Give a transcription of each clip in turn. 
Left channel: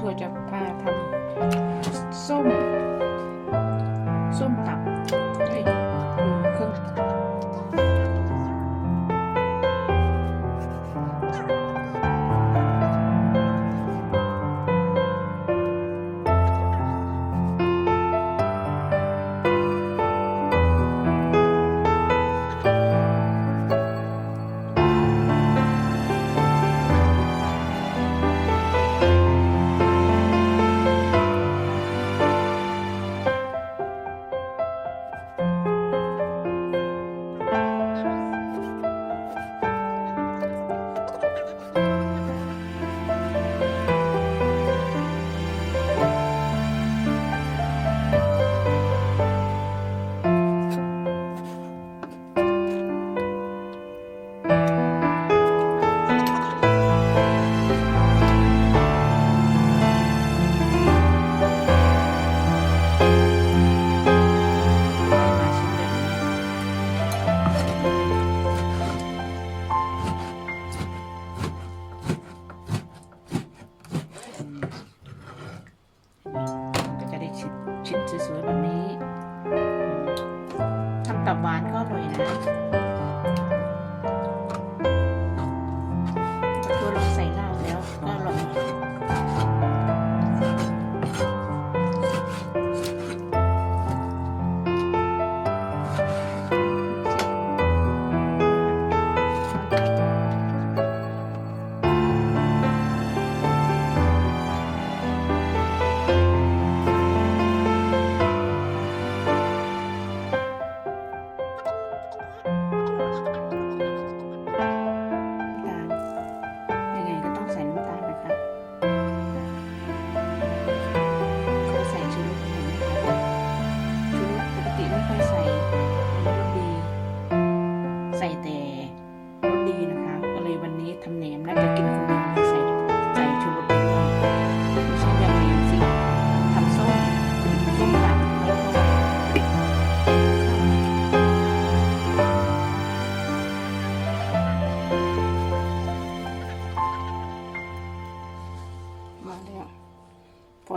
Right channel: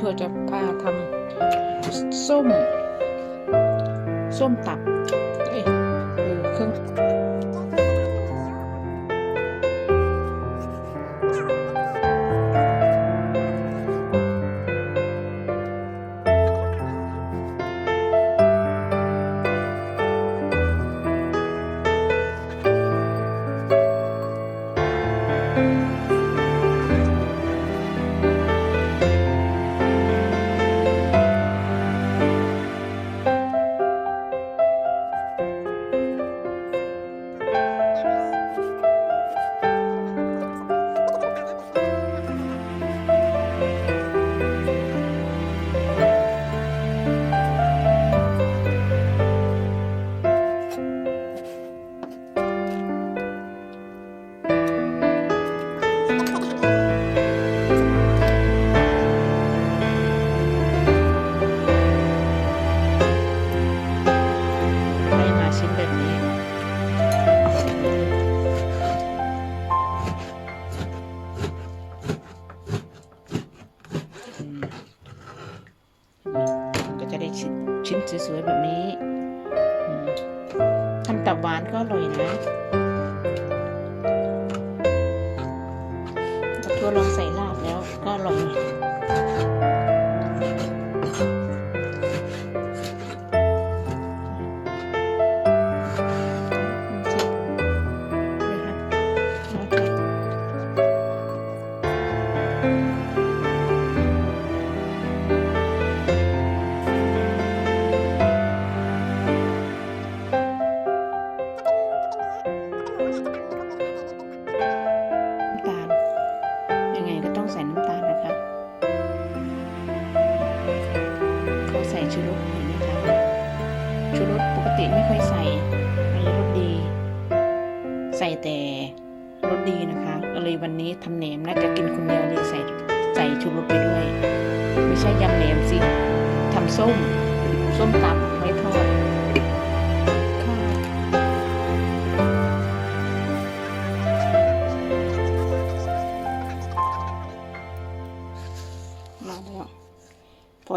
ทัวร์จะพาทำส้ม ส้มตับ วยๆแบบนี้ทำตับหวานก็อร่อยนะตัวลองใส่ลาบแล้วก็อร่อย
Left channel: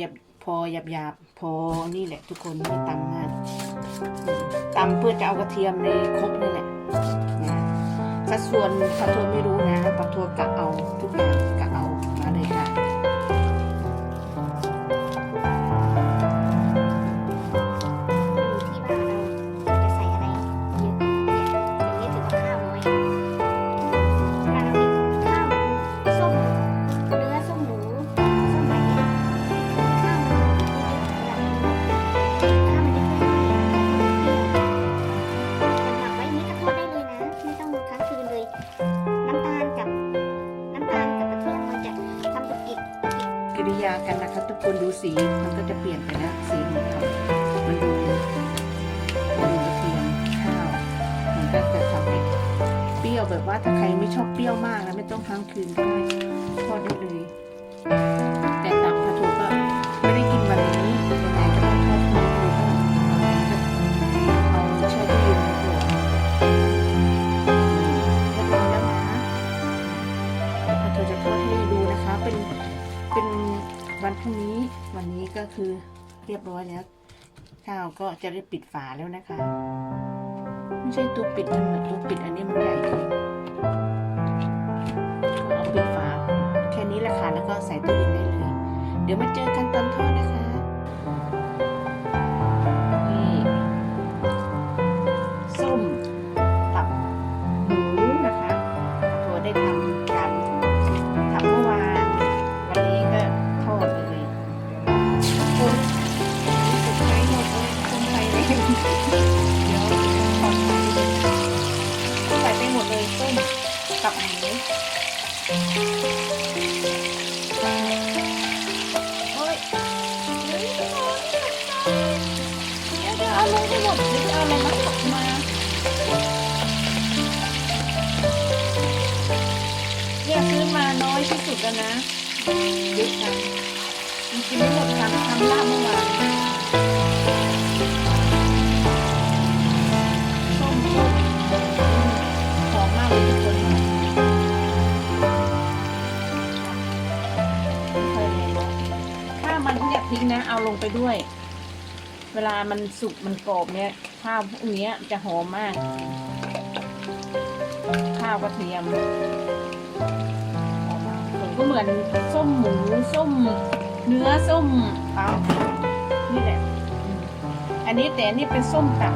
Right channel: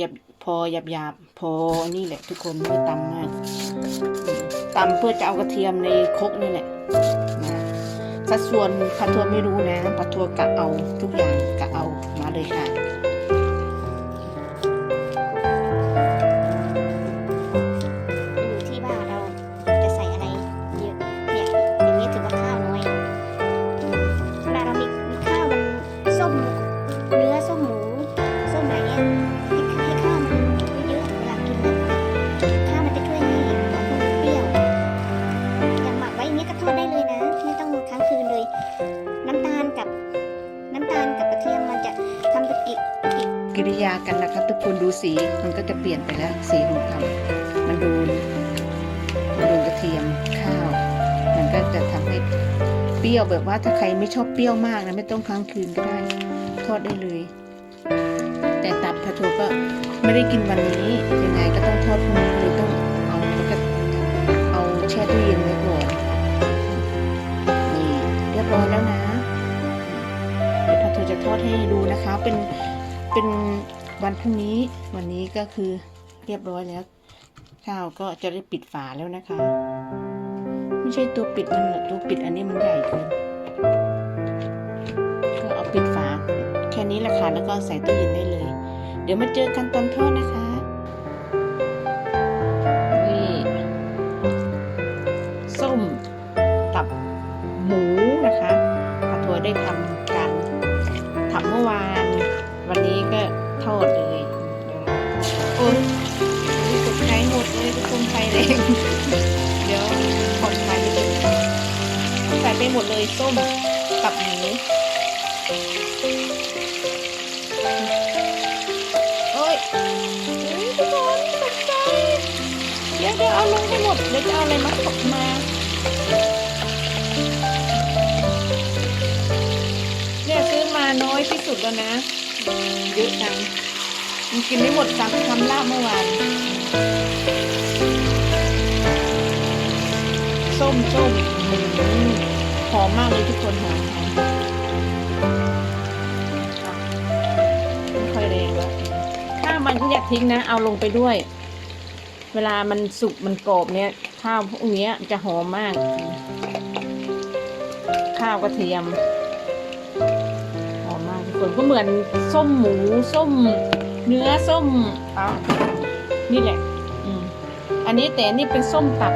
หยับพอหยับหยาบพอนี่แหละทุกคนไม่ตำมากอืมตำเพื่อจะเอากระเทียมในครกนี่แหละนะสัดส่วนผัดทัวไม่รู้นะผัดทัวกะเอาทุกอย่างกะเอามาเลยค่ะ สีมันก็จะเปลี่ยนไปแล้วสีของเขามันดูมันดูกระเทียมข้าว มันก็จะทำให้เปรี้ยวแบบว่าถ้าใครไม่ชอบเปรี้ยวมากนะไม่ต้องค้างคืนก็ได้ทอดได้เลย แต่ตับพะโทก็ไม่ได้กินวันนี้ยังไงก็ต้องทอดพรุ่งนี้หรือต้องเอามันก็เอาแช่ตู้เย็นไว้ก่อน คือเรียบร้อยแล้ว ข้าวก็จะได้ปิดฝาแล้วนะคะ ไม่ใช่ตัวปิดนะตัวปิดอันนี้มันใหญ่เกินก็เอาปิดฝาแค่นี้แหละค่ะแล้วก็ใส่ตู้เย็นได้เลย เดี๋ยวมาเจอกันตอนทอดนะคะ เดี๋ยวขอใส่ไปใส่ไปหมดเลยส้มกับหมูโอ้ยเฮ้ยทุกคนตกใจเดี๋ยวเดี๋ยวเอาลงให้หมดเดี๋ยวจะเอาอะไรมาตกมาเนี่ยซื้อมาน้อยที่สุดแล้วนะเยอะจังมันกินไม่หมดการทำลาบเมื่อวาน ส้มส้มหอมมากเลยทุกคนหอมไม่ค่อยแรงมันขยะทิ้งนะ เอาลงไปด้วย เวลามันสุกมันกรอบเนี่ยข้าวพวกเนี้ยจะหอมมาก ข้าวกระเทียมหอมมากส่วนก็เหมือนส้มหมูส้ม เนื้อส้มเอานี่แหละอันนี้แต่นนี่เป็นส้มตับ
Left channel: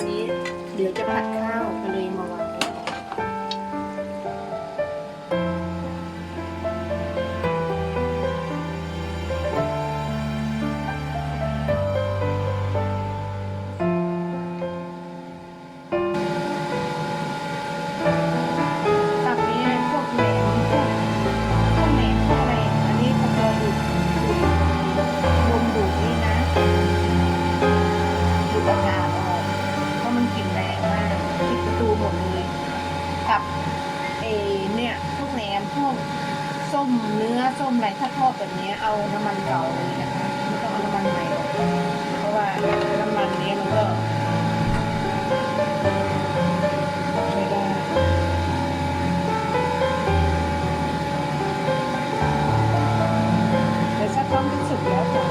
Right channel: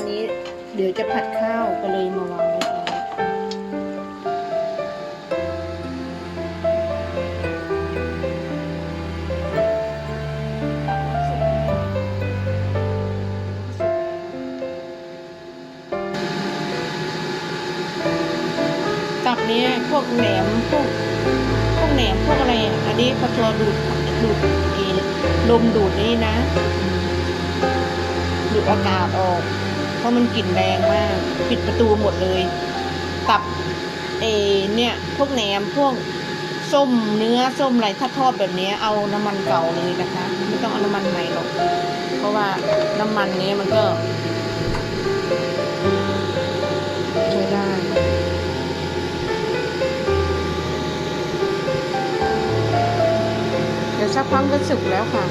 ส่วนกระทะนี้เดี๋ยวจะผัดข้าวก็เลยมาวางไว้ก่อนตับนี้พวกแหนมพวกพวกแหนมพวกอะไร อันนี้พอตัวดูดดูดเองลมดูดนี่นะดูดอากาศะมันกลิ่นแรงมากปิดประตูหมดเลยตับเอเนี่ยพวกแหนมพวกส้มเนื้อส้มอะไรถ้าทอดแบบนี้เอาน้ำมันเก่าเลยนะคะไม่ต้องเอาน้ำมันใหม่หรอกเพราะว่าน้ำมันนี้มันก็ไม่ได้เดี๋ยวสักพักก็สุกแล้วค่ะ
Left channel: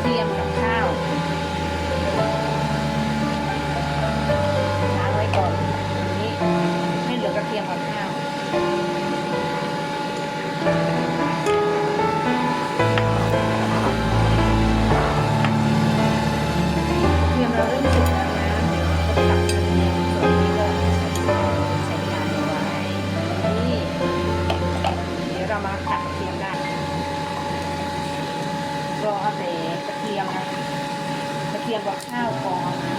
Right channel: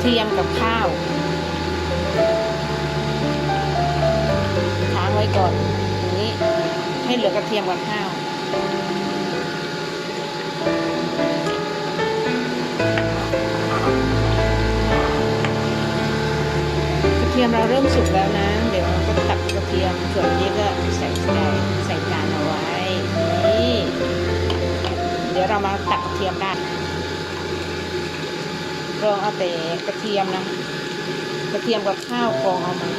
เทียมกับข้าวค้างไว้ก่อนอย่างนี้ให้เหลือกระเทียมกับข้าว ทียมนะกระเทียมกับข้าวกองเอามา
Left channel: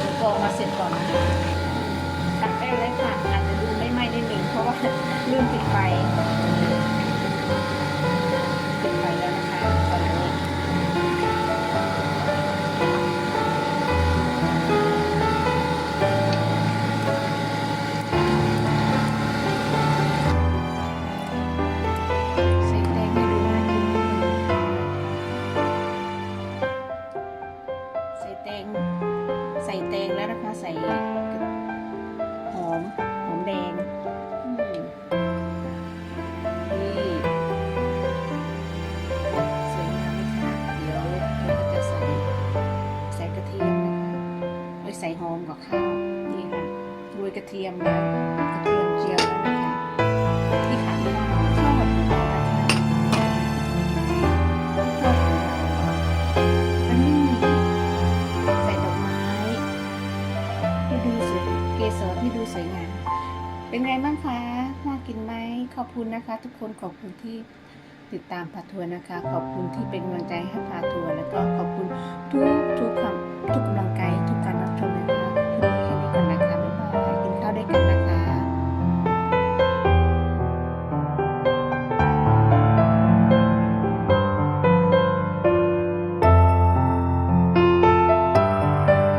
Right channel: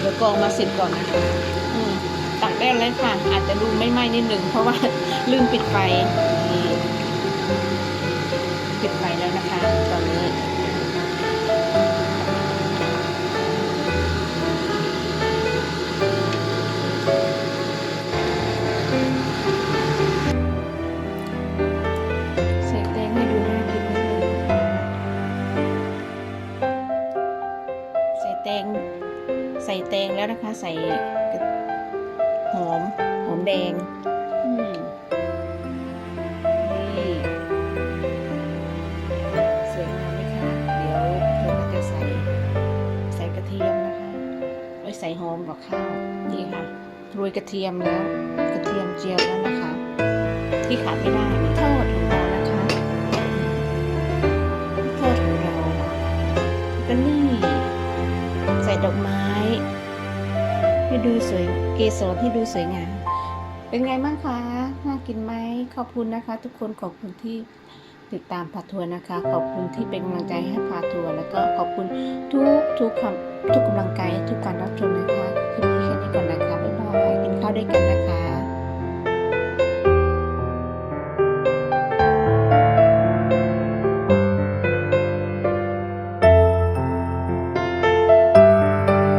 เดี๋ยวกองมาเสร็จก่อนนะคะตักได้แล้วค่ะอาจจะดูไม่ไหม้นิดหนึ่งเพราะว่าลืมปิดไฟ นะคะ ใส่หอม หอมแดงอืมนี่สวยงามไหมคะเดี๋ยวเราก็จะใส่ใส่กระเทียมนะคะไว้ใส่หอมกับข้าวนี่ค่ะโรยกระเทียมแล้ว กระเทียมเจียวแล้วนะคะ ที่ขาดไม่ได้ สวยงาม เป็นไงบ้างคะ น่ากินไหม ขอบคุณนะคะ ทุกคนขอบคุณที่ติดตามพาทัวร์นะคะ ขอบคุณที่เป็นกำลังใจให้พาทัวร์แล้วก็ขอบคุณทุกทุกความทุกกำลังใจทุกการรับชมนะคะ คลิปนี้แค่นี้ก่อนนะคะ บ๊ายบาย กินข้าวด้วยกันนะคะ